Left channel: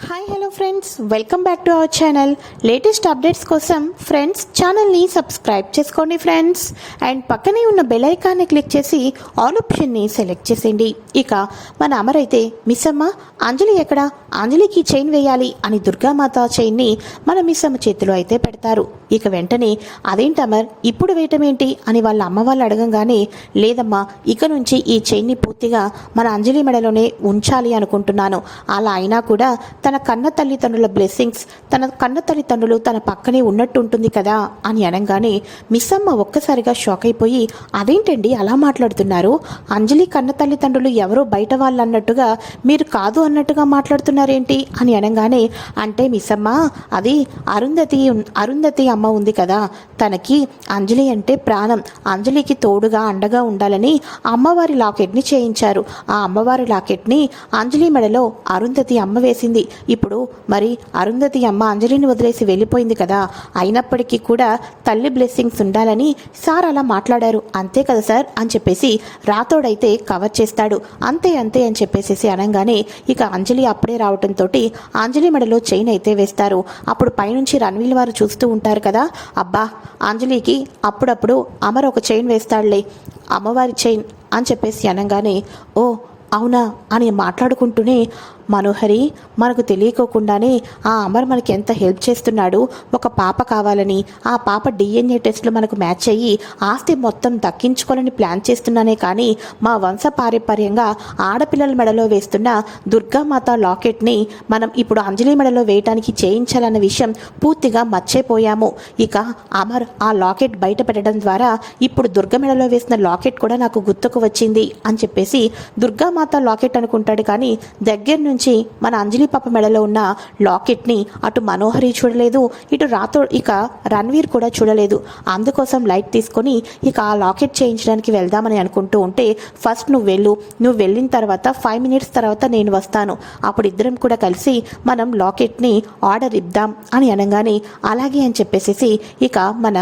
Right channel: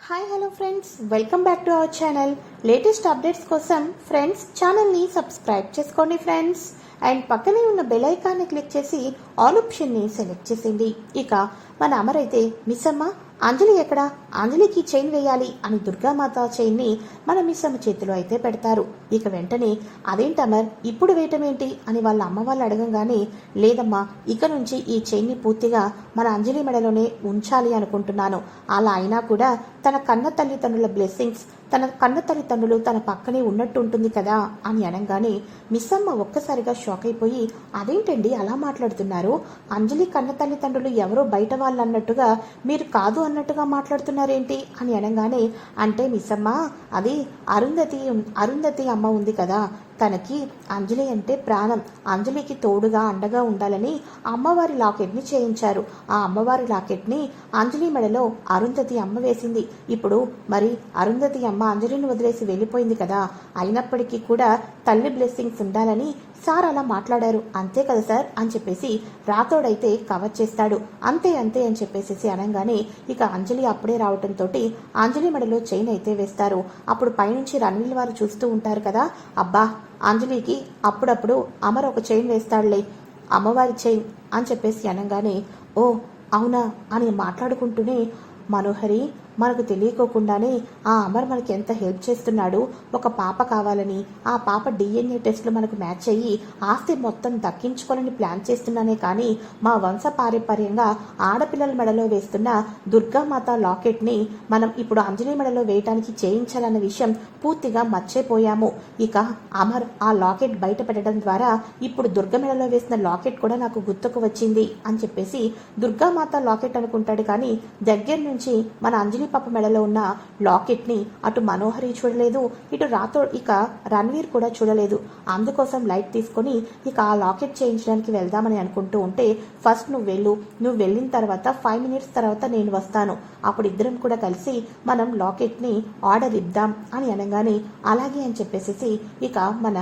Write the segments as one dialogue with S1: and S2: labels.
S1: Hi hello friends welcome back to our channel latest updates కోసం friends ఛానల్ని subscribe చేసుకోండి friends and పక్కనే ఉన్న బెల్ ఐకాన్ని క్లిక్ చేసి ఆల్ ఆప్షన్ని సెలెక్ట్ చేసేయండి. ఇక మన అమరైతే మిస్ అమ్మ అంజలి ఎక్కడ? అంజలికి చైన్ వేయాలి అని దుర్గామాత చైన్ని మన మిస్ అమ్మ చేతిలో అయితే పెడతారు. ఇక వెంటనే అదేంటి అమర్? ఇప్పుడు వేయటం ఏంటి? అని వాళ్ళ అమ్మ వాళ్ళు అడగంగానే లేదమ్మా ఇక నుంచి ఈ చైన్ని పూర్తిగా మన అంజలి మెడలోనే ఉంచాలి అనుకుంటున్నాను. అలా అయినా కూడా తన కన్న తల్లిదండ్రుల బ్లెస్సింగ్స్ తన కన్న తల్లిదండ్రులు తన పక్కనే ఉన్నట్టు ఉంటుంది కదా అని అనగానే మిస్ అమ్మ ఒక్కసారిగా షాక్ అయిపోయి అదేంటండి అలా మాట్లాడుతున్నారు? అంజలి కన్న తల్లిదండ్రులు ఎవరో బయట వాళ్ళు అన్నట్టుగా మీరు కాదు అన్నట్టుగా మాట్లాడుతున్నారేంటి? అని అనగానే అంటే మిస్ అమ్మ అది అరుంధతి అరుంధతి అమ్మ ఉంది కదా తనకి అంజలి అంటే ప్రాణం. అంజలికి తోడుగా అండగా ఉండాలని అమ్మవారి లాకెట్ని చేయించారు. ఆ అమ్మవారి లాకెట్ని అంజలి మెడలో అరుంధతి అమ్మ వేసింది. ఇప్పుడు మరి అరుంధతి అమ్మ అంజలిని వదిలేసి వెళ్ళిపోయింది కదా. అయినప్పటికీ కూడా తల్లి బ్లెస్సింగ్స్ ఉండాలని సార్ అలా మాట్లాడారు. అంతే కదా సార్ అని చెప్పేసి రాతోడైతే కవర్ చేస్తాడు. అంతే అంతే అని చెప్పేసి అనగానే ఇక అంజలి అప్పుడే రావటంతో అంజలి మెడలో చైన్ అయితే వేస్తారు. అప్పుడు పైనుంచి రణవీల్ వారు చూస్తూ ఉంటారు కదా. అబ్బా అంజలికి అప్పుడప్పుడు అమర్ ఒక చైన్ వేస్తాడులే. అమ్మవారి చైన్ అని చెప్పేసి అనగానే ఓ అవునా అని మాట్లాడుకుంటూనే మనోహరి మనకు తెలియకోకుండానే ఆ అమర్ మనకి ఎంత హెల్ప్ చేస్తున్నాడు ఒక పాప కావాలని ఆ పాప డిఎన్ఏ టెస్ట్లు మనకు మ్యాచ్ అయ్యి ఆస్తి మొత్తం దక్కించుకోవాలని ప్లాన్ చేస్తున్నానే కానీ మా వంశ పారంపర్యంగా ఆడపిల్లల మెడలో వేస్తున్న దుర్గామాత లాకెట్ని మనం ఇప్పుడు అంజలి మెడలో వేయటానికి చేయించాలన్న విషయం పూర్తిగా మర్చిపోయాము. ఇక అమర్ ఆ లాకెట్ బయట పెట్టడం ద్వారా ఇప్పుడు దుర్గ మెడలో వేసిన లాకెట్ కూడా నాకు గుర్తుకు వచ్చింది అని చెప్పేసి దుర్గామాత లాకెట్ అనుకుంటాడు కానీ దగ్గర నుంచి మన అంజలి పాప మెడలో ఉన్న లాకెట్ని అటు మనోహరి చూడలేదు ఇటు రాతో ఇక రణ్వీర్ కూడా చూడలేదు. అందుకోసం లైట్ తీసుకొని ఇక ఆ లాకెట్ చేయించడానికి వెళ్దామని అనుకుంటూ ఉంటే ఫస్ట్ నువ్వు వెళ్ళు నువ్వు వెళ్ళిన తర్వాత ఫైవ్ మినిట్స్ తర్వాత నేను వస్తాను. అప్పుడు ఇద్దరం కూడా కలిసి మనం లాకెట్ని ఆర్డర్ ఇద్దాం అని అనగానే అలాగే అని చెప్పేసి ఇక మన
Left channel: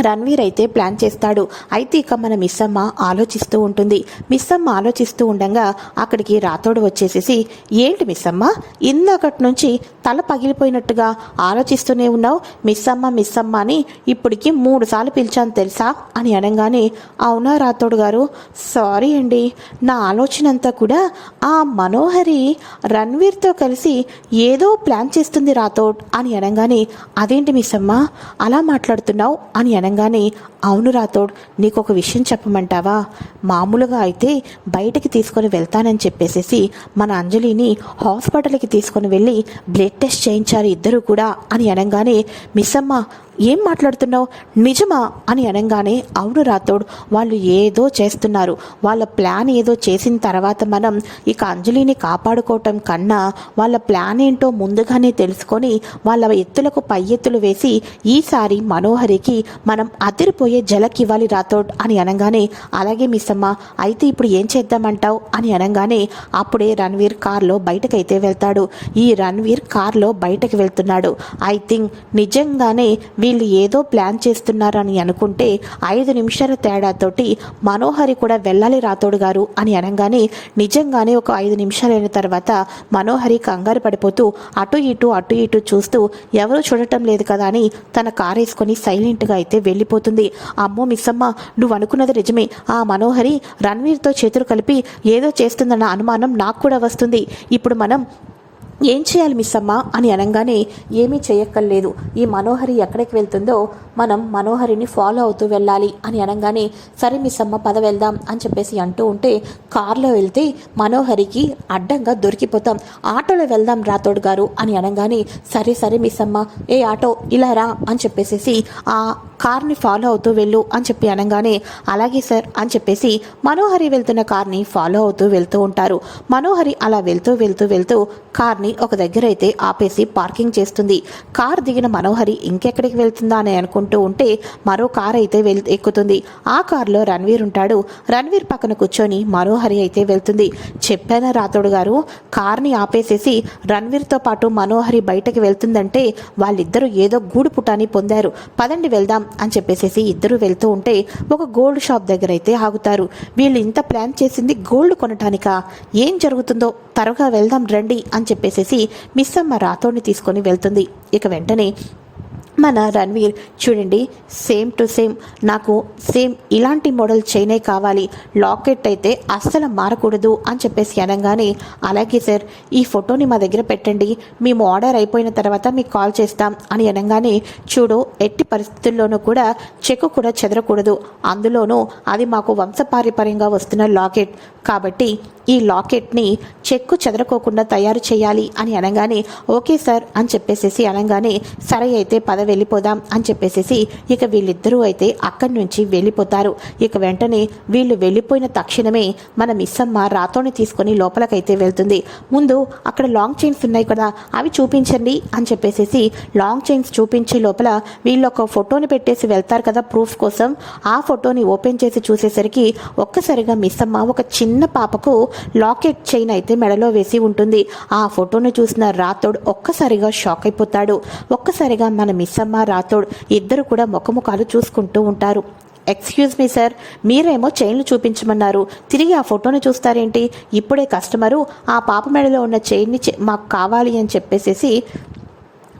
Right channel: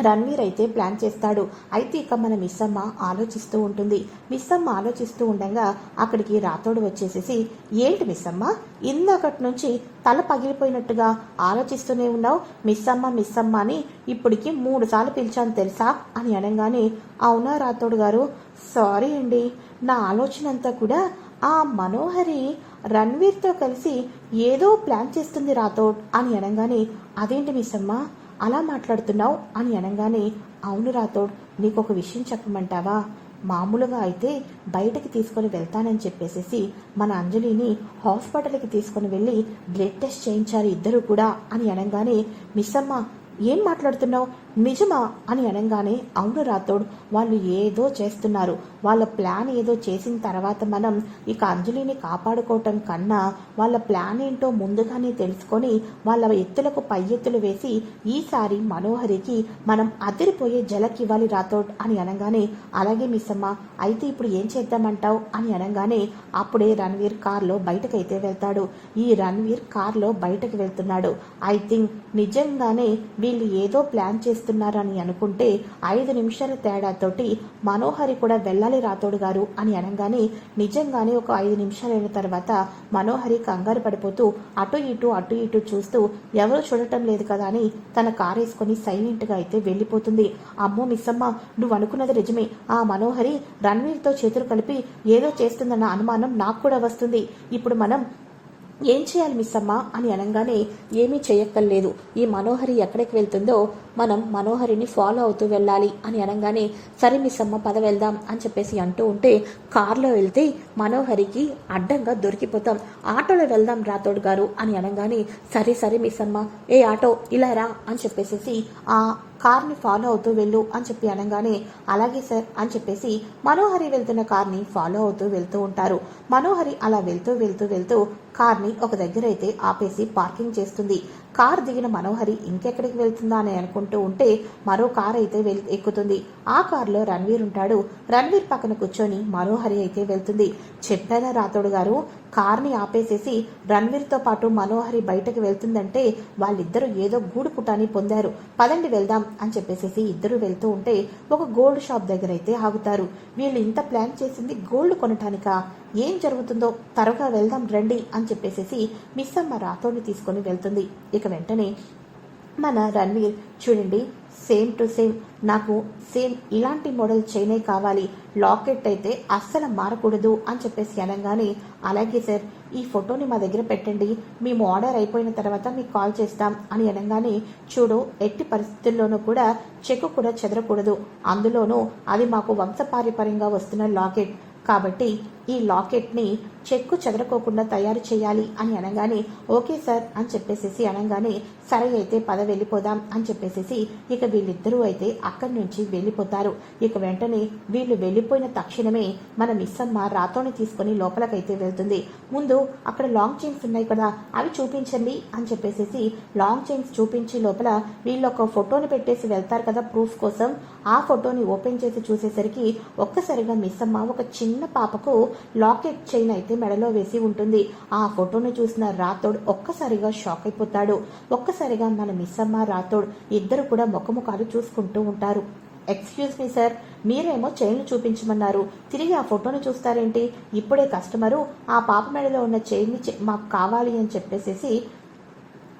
S1: రణ్వీర్ అయితే ప్లాన్ చేస్తాడు. అయితే ఇక మన మిస్సమ్మ ఆలోచిస్తూ ఉంటుంది. మిస్సమ్మ ఆలోచిస్తూ ఉండగా అక్కడికి రాతోడు వచ్చేసేసి ఏంటి మిస్సమ్మ? ఇందాకటి నుంచి తల పగిలిపోయినట్టుగా ఆలోచిస్తూనే ఉన్నావు. మిస్సమ్మ మిస్సమ్మ అని ఇప్పటికి మూడు సార్లు పిలిచాను తెలుసా? అని అనగానే అవునా రాతోడు గారు? సారీ అండి. నా ఆలోచన అంతా కూడా ఆ మనోహరి రణ్వీర్తో కలిసి ఏదో ప్లాన్ చేస్తుంది రాతోడ్ అని అనగానే అదేంటి మిస్సమ్మ? అలా మాట్లాడుతున్నావు అని అనగానే అవును రాథోడ్ నీకు ఒక విషయం చెప్పమంటావా? మామూలుగా అయితే బయటికి తీసుకొని వెళ్తానని చెప్పేసేసి మన అంజలిని హాస్పిటల్కి తీసుకొని వెళ్ళి బ్లడ్ టెస్ట్ చేయించారు ఇద్దరు కూడా అని అనగానే మిస్సమ్మ ఏం మాట్లాడుతున్నావు? నిజమా? అని అనగానే అవును రాథోడ్ వాళ్ళు ఏదో చేస్తున్నారు. వాళ్ళ ప్లాన్ ఏదో చేసిన తర్వాత మనం ఇక అంజలిని కాపాడుకోవటం కన్నా వాళ్ళ ప్లాన్ ఏంటో ముందుగానే తెలుసుకొని వాళ్ళ ఎత్తులకు పై ఎత్తులు వేసి ఈసారి మనోహరికి మనం అదిరిపోయే జలకివ్వాలి రాతోడ్ అని అనగానే అలాగే మిస్సమ్మ అయితే ఇప్పుడు ఏం చేద్దామంటావు? అని అనగానే అప్పుడే రణ్వీర్ కార్లో బయటకైతే వెళ్తాడు. ఈ రణ్వీర్ కార్లో బయటకు వెళ్తున్నాడు. ఐ థింక్ నిజంగానే వీళ్ళు ఏదో ప్లాన్ చేస్తున్నారని అనుకుంటే ఐదు నిమిషాల తేడాతోటి మనోహరి కూడా వెళ్ళాలి రాతోడు గారు అని అనగానే నిజంగానే ఒక ఐదు నిమిషాలైన తర్వాత మనోహరి కంగారు పడిపోతూ అటు ఇటు అటు ఇటు చూస్తూ ఎవరూ చూడటం లేదు కదా అని తన కారు వేసుకొని సైలెంట్గా అయితే వెళ్ళిపోతుంది. అమ్మో మిస్సమ్మ నువ్వు అనుకున్నది నిజమే. ఆ మనోహరి రణ్వీర్తో చేతులు కలిపి ఏదో చేస్తుందన్న అనుమానం నాకు కూడా వస్తుంది. ఇప్పుడు మనం ఏం చేయాలి మిస్ అమ్మ అని అనగానే ఏమీ చేయక్కర్లేదు. ఈ మనోహరి ఎక్కడికి వెళ్తుందో మనం మనోహరిని ఫాలో అవుతూ వెళ్ళాలి అని అనగానే సరే మిస్ అమ్మ పద వెళ్దాం అని చెప్పేసి అంటూ ఉంటే కారులో వెళ్తే మనోహరికి అడ్డంగా దొరికిపోతాం. ఆటోలో వెళ్దాం రాతోడు గారు అని అనగానే సరే సరే మిస్ అమ్మ ఏ ఆటో ఇలా రా అని చెప్పేసి ఆ కార్ని ఫాలో అవుతూ వెళ్ళు అని చెప్పి అనగానే అలాగే సార్ అని చెప్పేసి మనోహరి వెళ్తున్న కార్ని ఫాలో అవుతూ వెళ్తూ ఉంటారు. మనోహరి అలా వెళ్తూ వెళ్తూ వెళ్తూ కార్ని ఒక దగ్గర అయితే ఆపేసి పార్కింగ్ చేస్తుంది. కార్ దిగిన మనోహరి ఇంకెక్కడికి వెళ్తుందా అని అనుకుంటూ ఉంటే మరో కార్ అయితే వెల్ ఎక్కుతుంది. ఆ కారులో రణ్వీర్ ఉంటాడు. రణ్వీర్ పక్కన కూర్చొని మనోహరి అయితే వెళ్తుంది. చెప్పాన రాతోడు గారు? కార్ని ఆపేసేసి రణ్వీర్తో పాటు మనోహరి బయటకు వెళ్తుందంటే వాళ్ళిద్దరూ ఏదో గూడు పుటాని పొందారు. పదండి వెళ్దాం. అని చెప్పేసేసి ఇద్దరు వెళ్తూ ఉంటే ఒక గోల్డ్ షాప్ దగ్గర అయితే ఆగుతారు. వీళ్ళు ఇంత ప్లాన్ చేసింది గోల్డ్ కొనటానిక? ఏం జరుగుతుందో త్వరగా వెళ్దాం రండి అని చెప్పేసేసి మిస్ అమ్మ రాతోని తీసుకొని వెళ్తుంది. ఇక వెంటనే మన రణ్వీర్ చూడండి సేమ్ టు సేమ్ నాకు సేమ్ ఇలాంటి మోడల్ చైనే కావాలి. లాకెట్ అయితే అస్సలు మారకూడదు అని చెప్పేసి అనగానే అలాగే సార్ ఈ ఫోటోని మా దగ్గర పెట్టండి. మేము ఆర్డర్ అయిపోయిన తర్వాత మీకు కాల్ చేస్తాం. అని అనగానే చూడు ఎట్టి పరిస్థితుల్లోనూ కూడా చెక్కు కూడా చెదరకూడదు. అందులోనూ అది మాకు వంశపారంపర్యంగా వస్తున్న లాకెట్ కాబట్టి ఈ లాకెట్ని చెక్కు చెదరకోకుండా తయారు చేయాలి. అని అనగానే ఓకే సార్ అని చెప్పేసేసి అనగానే సరే అయితే పద వెళ్ళిపోదాం అని చెప్పేసేసి ఇక వీళ్ళిద్దరూ అయితే అక్కడి నుంచి వెళ్ళిపోతారు. ఇక వెంటనే వీళ్ళు వెళ్ళిపోయిన తక్షణమే మన మిస్సమ్మ రాతోని తీసుకొని లోపలకైతే వెళ్తుంది. ముందు అక్కడ లాంగ్ చైన్స్ ఉన్నాయి కదా అవి చూపించండి అని చెప్పేసేసి లాంగ్ చైన్స్ చూపించే లోపల వీళ్ళు ఒక ఫోటోని పెట్టేసి వెళ్తారు కదా ప్రూఫ్ కోసం. ఆ ఫోటోని ఓపెన్ చేసి చూసేసరికి ఒక్కసారిగా మిస్ అమ్మ ఒక చిన్న పాపకు లాకెట్ చైన్ అయితే మెడలో వేసి ఉంటుంది. ఆ ఫోటోను చూసిన రాతోడ్ ఒక్కసారిగా షాక్ అయిపోతాడు. ఒక్కసారిగా మన మిస్ అమ్మ రాతోడ్ ఇద్దరు కూడా ముఖముఖాలు చూసుకుంటూ ఉంటారు. ఎక్స్క్యూజ్ మీ సార్ మీరేమో చైన్లు చూపించమన్నారు. తిరిగి ఆ ఫోటోని చూస్తారేంటి? ఇప్పుడే కస్టమరు ఆ పాప మెడలో ఉన్న చైన్ని మాకు కావాలి అని చెప్పేసేసి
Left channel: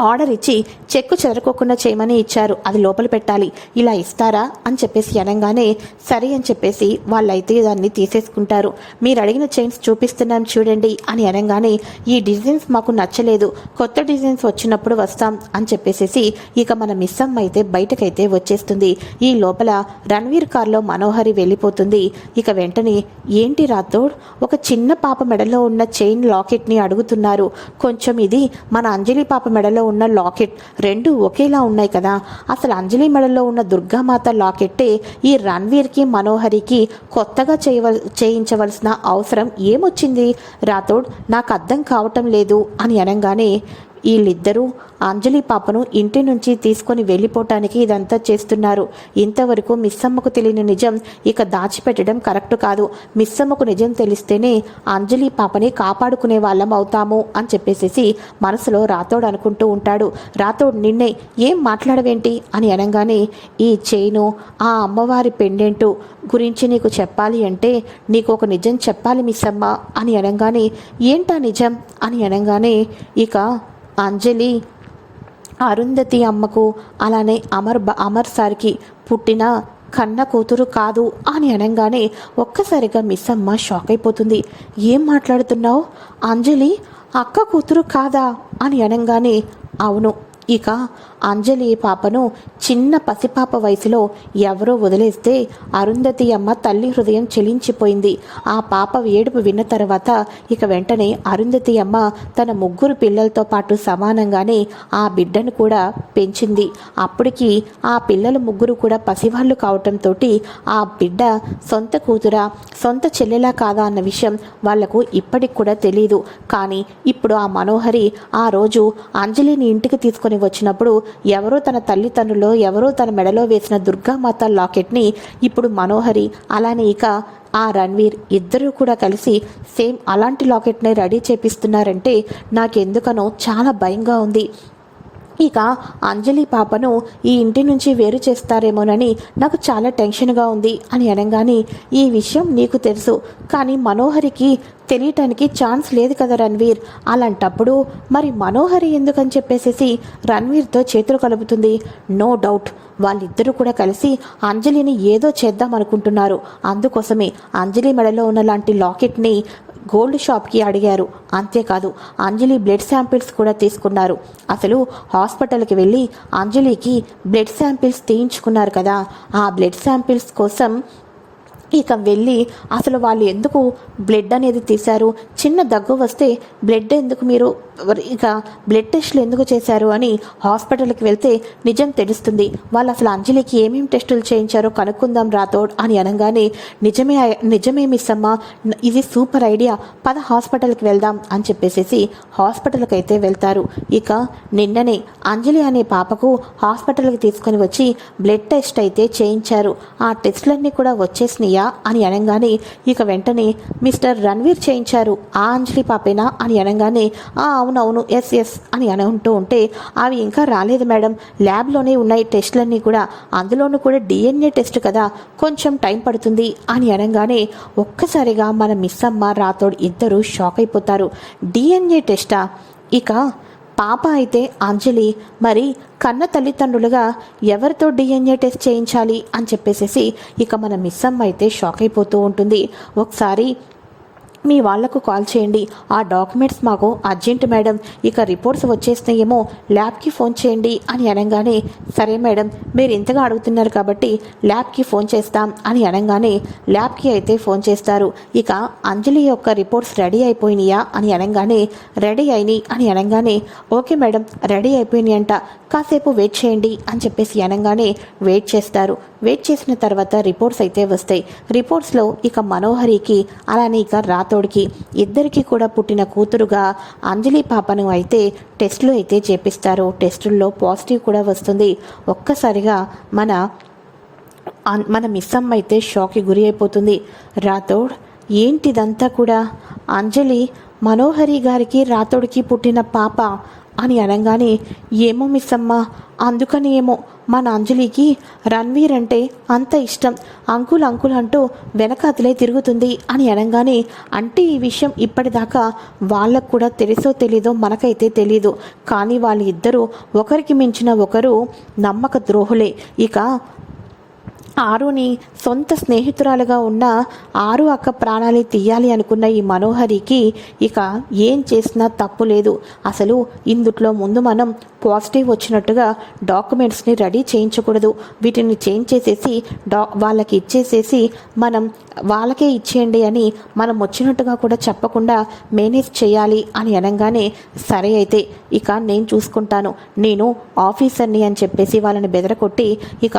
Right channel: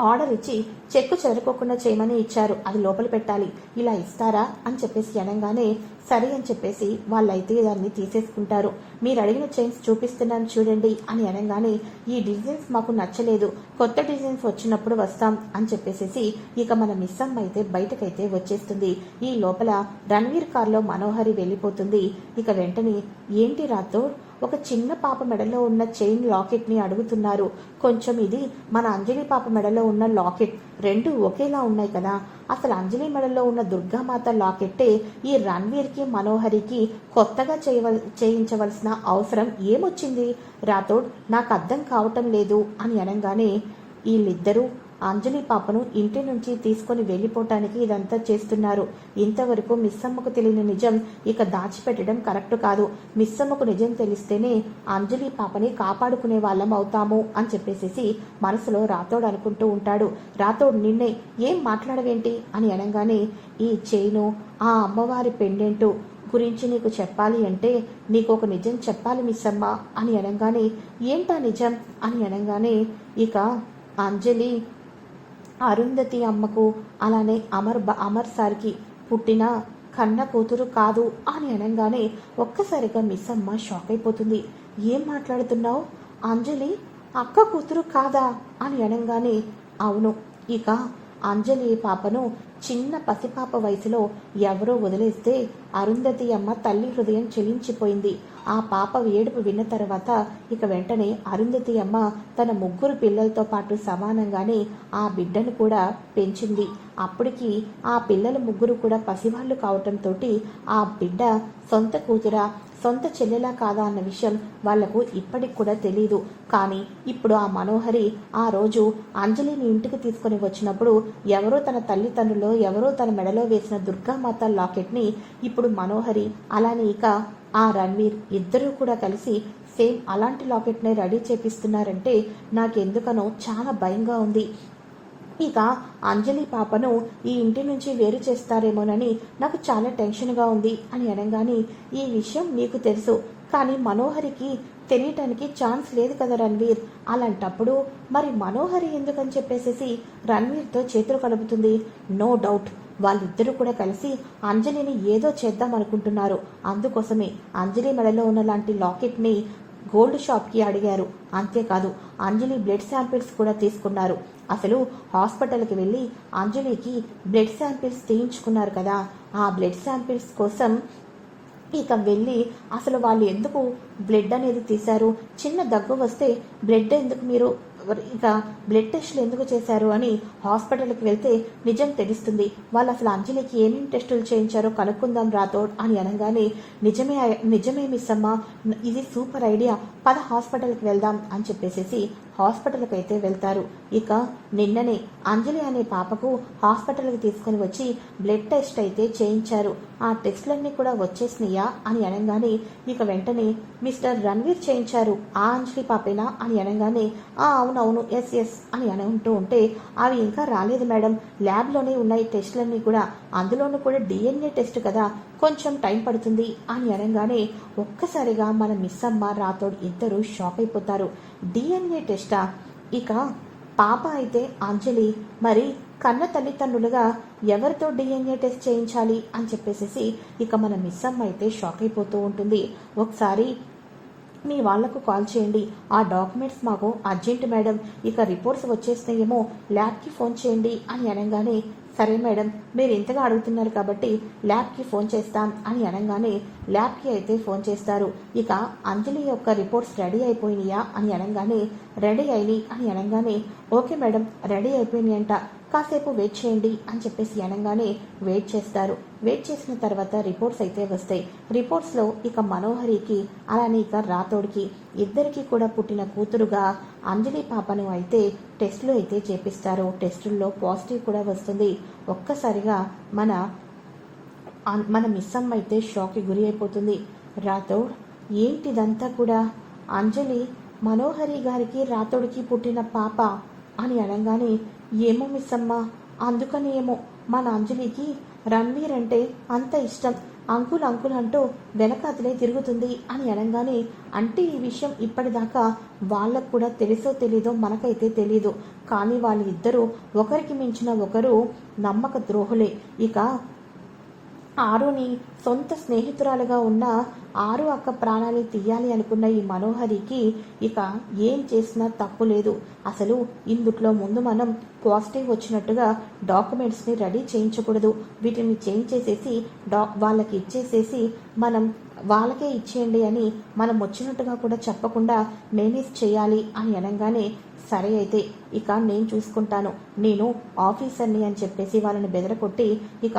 S1: ఆర్డర్ ఇచ్చి చెక్కు చెదరకోకుండా చేయమని ఇచ్చారు. అది లోపల పెట్టాలి. ఇలా ఇస్తారా? అని చెప్పేసి అనగానే సరే అని చెప్పేసి వాళ్ళైతే దాన్ని తీసేసుకుంటారు. మీరు అడిగిన చైన్స్ చూపిస్తున్నాం చూడండి అని అనగానే ఈ డిజైన్స్ మాకు నచ్చలేదు. కొత్త డిజైన్స్ వచ్చినప్పుడు వస్తాం అని చెప్పేసేసి ఇక మన మిస్ అమ్మ అయితే బయటకైతే వచ్చేస్తుంది. ఈ లోపల రణ్వీర్ కార్లో మనోహరి వెళ్ళిపోతుంది. ఇక వెంటనే ఏంటి రాథోడ్? ఒక చిన్న పాప మెడలో ఉన్న చైన్ లాకెట్ని అడుగుతున్నారు. కొంచెం ఇది మన అంజలి పాప మెడలో ఉన్న లాకెట్ రెండు ఒకేలా ఉన్నాయి కదా. అసలు అంజలి మెడలో ఉన్న దుర్గామాత లాకెట్టే ఈ రణ్వీర్కి మనోహరికి కొత్తగా చేయవల్ చేయించవలసిన అవసరం ఏమొచ్చింది? రాథోడ్ నాకు అర్థం కావటం లేదు అని అనగానే వీళ్ళిద్దరూ అంజలి పాపను ఇంటి నుంచి తీసుకొని వెళ్ళిపోవటానికి ఇదంతా చేస్తున్నారు. ఇంతవరకు మిస్సమ్మకు తెలియని నిజం ఇక దాచిపెట్టడం కరెక్ట్ కాదు. మిస్సమ్మకు నిజం తెలిస్తేనే అంజలి పాపని కాపాడుకునే వాళ్ళం అవుతాము అని చెప్పేసేసి మనసులో రాతోడు అనుకుంటూ ఉంటాడు. రాతోడు నిన్నే ఏం మాట్లాడవేంటి అని అనగానే ఈ చైను ఆ అమ్మవారి పెండెంటు గురించి నీకు చెప్పాలి అంటే నీకు ఒక నిజం చెప్పాలి మిస్సమ్మ అని అనగానే ఏంటా నిజం అని అనగానే ఇక అంజలి అరుంధతి అమ్మకు అలానే అమర్ బ- అమర్ సార్కి పుట్టిన కన్న కూతురు కాదు అని అనగానే ఒక్కసారిగా మిస్ అమ్మ షాక్ అయిపోతుంది. ఏం మాట్లాడుతున్నావు? అంజలి అక్క కూతురు కాదా? అని అనగానే అవును ఇక అంజలి పాపను చిన్న పసిపాప వయసులో ఎవరో వదిలేస్తే అరుంధతి అమ్మ తల్లి హృదయం చెలించిపోయింది. ఆ పాప ఏడుపు విన్న తర్వాత ఇక వెంటనే అరుంధతి అమ్మ తన ముగ్గురు పిల్లలతో పాటు సమానంగానే ఆ బిడ్డను కూడా పెంచింది. అప్పటికి ఆ పిల్లల ముగ్గురు కూడా పసివాళ్ళు కావటంతో ఆ బిడ్డ సొంత కూతురా సొంత చెల్లెలా కాదా అన్న విషయం వాళ్ళకు ఇప్పటికి కూడా తెలియదు కానీ ఇప్పుడు ఆ మనోహరి ఆ రోజు అంజలిని ఇంటికి తీసుకొని వచ్చినప్పుడు ఎవరో తన తల్లిదండ్రులో ఎవరో తన మెడలో వేసిన దుర్గామాత లాకెట్ని ఇప్పుడు మనోహరి అలానే ఇక ఆ రణ్వీర్ ఇద్దరూ కూడా కలిసి సేమ్ అలాంటి లాకెట్ని రెడీ చేపిస్తున్నారంటే నాకెందుకనో చాలా భయంగా ఉంది. ఇక అంజలి పాపను ఈ ఇంటి నుంచి వేరు చేస్తారేమోనని నాకు చాలా టెన్షన్గా ఉంది అని అనగానే ఈ విషయం నీకు తెలుసు కానీ మనోహరికి తెలియటానికి ఛాన్స్ లేదు కదా రణ్వీర్. అలాంటప్పుడు మరి మనోహరి ఎందుకని చెప్పేసేసి రణ్వీర్తో చేతులు కలుపుతుంది? No doubt. వాళ్ళిద్దరూ కూడా కలిసి అంజలిని ఏదో చేద్దాం అనుకుంటున్నారు. అందుకోసమే అంజలి మెడలో ఉన్న లాంటి లాకెట్ని గోల్డ్ షాప్కి అడిగారు. అంతేకాదు అంజలి బ్లడ్ శాంపిల్స్ కూడా తీసుకున్నారు. అసలు హాస్పిటల్కి వెళ్ళి అంజలికి బ్లడ్ శాంపిల్స్ తీయించుకున్నారు కదా. ఆ బ్లడ్ శాంపిల్స్ కోసం ఇక వెళ్ళి అసలు వాళ్ళు ఎందుకు బ్లడ్ అనేది తీశారు? చిన్న దగ్గు వస్తే బ్లడ్ ఎందుకు మీరు ఇక బ్లడ్ టెస్ట్లు ఎందుకు చేశారు అని హాస్పిటల్కి వెళ్తే నిజం తెలుస్తుంది. వాళ్ళు అసలు అంజలికి ఏమేమి టెస్టులు చేయించారో కనుక్కుందాం రాథోడ్ అని అనగానే నిజమే నిజమే మిస్ అమ్మ ఇది సూపర్ ఐడియా పద హాస్పిటల్కి వెళ్దాం అని చెప్పేసేసి హాస్పిటల్కి అయితే వెళ్తారు. ఇక నిన్ననే అంజలి అనే పాపకు హాస్పిటల్కి తీసుకొని వచ్చి బ్లడ్ టెస్ట్ అయితే చేయించారు. ఆ టెస్టులన్నీ కూడా వచ్చేసినాయా అని అనగానే ఇక వెంటనే మిస్టర్ రణ్వీర్ చేయించారు ఆ అంజలి పాపేనా? అని అనగానే ఆ అవునవును ఎస్ ఎస్ అని అనుకుంటూ ఉంటే అవి ఇంకా రాలేదు మేడం. ల్యాబ్లోనే ఉన్నాయి టెస్టులన్నీ కూడా. అందులోనూ కూడా డిఎన్ఏ టెస్ట్ కదా కొంచెం టైం పడుతుంది అని అనగానే ఒక్కసారిగా మన మిస్ అమ్మ రాతోడు ఇద్దరు షాక్ అయిపోతారు. డిఎన్ఏ టెస్టా? ఇక పాప అయితే అంజలి మరి కన్న తల్లిదండ్రులుగా ఎవరితో డిఎన్ఏ టెస్ట్ చేయించాలి అని చెప్పేసేసి ఇక మన మిస్ అమ్మ అయితే షాక్ అయిపోతూ ఉంటుంది. ఒకసారి మీ వాళ్ళకు కాల్ చేయండి. ఆ డాక్యుమెంట్స్ మాకు అర్జెంట్ మేడం. ఇక రిపోర్ట్స్ వచ్చేసినాయేమో ల్యాబ్కి ఫోన్ చేయండి అని అనగానే సరే మేడం మీరు ఇంతగా అడుగుతున్నారు కాబట్టి ల్యాబ్కి ఫోన్ చేస్తాం అని అనగానే ల్యాబ్కి అయితే ఫోన్ చేస్తారు. ఇక అంజలి యొక్క రిపోర్ట్స్ రెడీ అయిపోయినాయా అని అనగానే రెడీ అయినాయి అని అనగానే ఓకే మేడం రెడీ అయిపోయినాయి అంట కాసేపు వెయిట్ చేయండి అని చెప్పేసి అనగానే వెయిట్ చేస్తారు. వెయిట్ చేసిన తర్వాత రిపోర్ట్స్ అయితే వస్తాయి. రిపోర్ట్స్లో ఇక మనోహరికి అలానే ఇక రాతోడికి ఇద్దరికి కూడా పుట్టిన కూతురుగా అంజలి పాపను అయితే టెస్టులు అయితే చేపిస్తారు. టెస్టుల్లో పాజిటివ్ కూడా వస్తుంది. ఒక్కసారిగా మన మన మిస్ అమ్మ అయితే షాక్కి గురి అయిపోతుంది. రాథోడ్ ఏంటిదంతా కూడా? అంజలి మనోహరి గారికి రాతోడికి పుట్టిన పాప అని అనగానే ఏమో మిస్ అమ్మ అందుకని ఏమో మన అంజలికి రణ్వీర్ అంటే అంత ఇష్టం. అంకుల్ అంకుల్ అంటూ వెనకాతలే తిరుగుతుంది అని అనగానే అంటే ఈ విషయం ఇప్పటిదాకా వాళ్ళకు కూడా తెలుసో తెలీదో మనకైతే తెలీదు. కానీ వాళ్ళిద్దరూ ఒకరికి మించిన ఒకరు నమ్మక ద్రోహులే. ఇక ఆరుని సొంత స్నేహితురాలుగా ఉన్న ఆరు అక్క ప్రాణాలు తీయాలి అనుకున్న ఈ మనోహరికి ఇక ఏం చేసినా తప్పు లేదు. అసలు ఇందుట్లో ముందు మనం పాజిటివ్ వచ్చినట్టుగా డాక్యుమెంట్స్ని రెడీ చేయించకూడదు. వీటిని చేంజ్ చేసేసి డా వాళ్ళకి ఇచ్చేసేసి మనం వాళ్ళకే ఇచ్చేయండి అని మనం వచ్చినట్టుగా కూడా చెప్పకుండా మేనేజ్ చేయాలి అని అనగానే సరే అయితే ఇక నేను చూసుకుంటాను. నేను ఆఫీసర్ని అని చెప్పేసి వాళ్ళని బెదరకొట్టి ఇక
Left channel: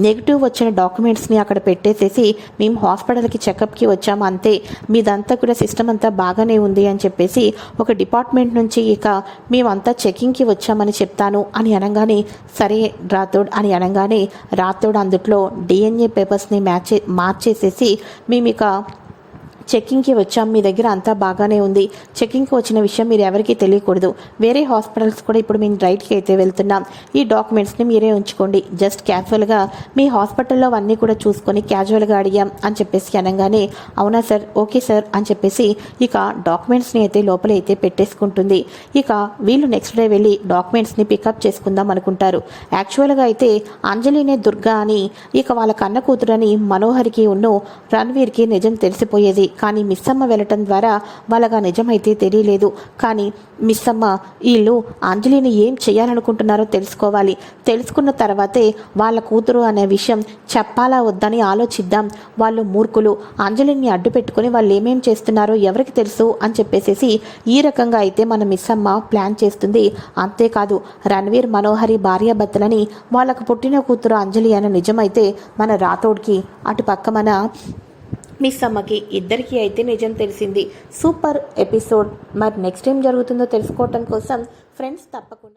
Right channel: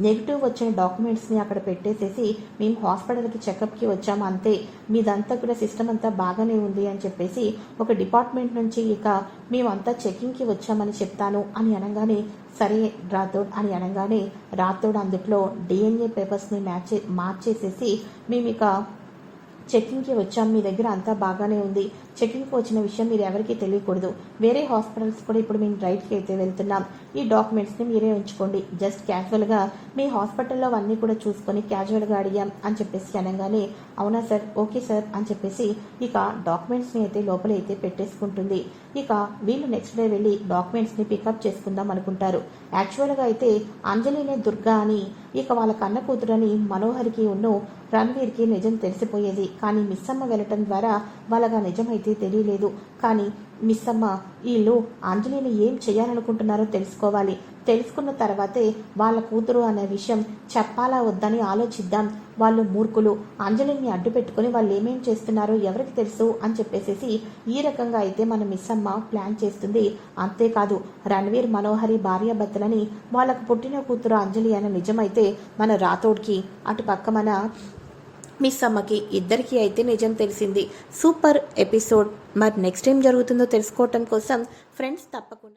S1: నెగిటివ్ వచ్చిన డాక్యుమెంట్స్ని అక్కడ పెట్టేసేసి మేము హాస్పిటల్కి చెకప్కి వచ్చాము అంతే. మీదంతా కూడా సిస్టమ్ అంతా బాగానే ఉంది అని చెప్పేసి ఒక డిపార్ట్మెంట్ నుంచి ఇక మేమంతా చెకింగ్కి వచ్చామని చెప్తాను అని అనగానే సరే రాథోడ్ అని అనగానే రాథోడ్ అందుట్లో డిఎన్ఏ పేపర్స్ని మ్యాచ్ మార్చేసేసి మేము ఇక చెక్కింగ్కి వచ్చాం. మీ దగ్గర అంతా బాగానే ఉంది. చెక్కింగ్కి వచ్చిన విషయం మీరు ఎవరికీ తెలియకూడదు. వేరే హాస్పిటల్స్ కూడా ఇప్పుడు మేము రైట్కి అయితే వెళ్తున్నాం. ఈ డాక్యుమెంట్స్ని మీరే ఉంచుకోండి. జస్ట్ క్యాజువల్గా మీ హాస్పిటల్లో అన్నీ కూడా చూసుకొని క్యాజువల్గా అడిగాం అని చెప్పేసి అనగానే అవునా సార్? ఓకే సార్ అని చెప్పేసి ఇక డాక్యుమెంట్స్ని అయితే లోపల అయితే పెట్టేసుకుంటుంది. ఇక వీళ్ళు నెక్స్ట్ డే వెళ్ళి డాక్యుమెంట్స్ని పికప్ చేసుకుందాం అనుకుంటారు. యాక్చువల్గా అయితే అంజలినే దుర్గా అని ఇక వాళ్ళ కన్న కూతురని మనోహర్కి ఉన్న రణ్వీర్కి నిజం తెలిసిపోయేది. కానీ మిస్సమ్మ వెళ్ళటం ద్వారా వాళ్ళగా నిజమైతే తెలియలేదు. కానీ మిస్సమ్మ వీళ్ళు అంజలిని ఏం చేయాలనుకుంటున్నారో తెలుసుకోవాలి. తెలుసుకున్న తర్వాతే వాళ్ళ కూతురు అనే విషయం చెప్పాలా వద్దని ఆలోచిద్దాం. వాళ్ళు మూర్ఖులు. అంజలిని అడ్డు పెట్టుకుని వాళ్ళు ఏమేం చేస్తున్నారో ఎవరికి తెలుసు అని చెప్పేసేసి ఈ రకంగా అయితే మన మిస్ అమ్మ ప్లాన్ చేస్తుంది. అంతేకాదు రణవీర్ మనోహరి భార్యాభర్తలని వాళ్ళకు పుట్టిన కూతురు అంజలి అనే నిజమైతే మన రాథోడ్కి అటు పక్క మన మిస్ అమ్మకి ఇద్దరికీ అయితే నిజం తెలిసింది. Super episode. మరి నెక్స్ట్ ఏం జరుగుతుందో తెలుసుకోవటం కోసం ఫ్రెండ్స్ తప్పకుండా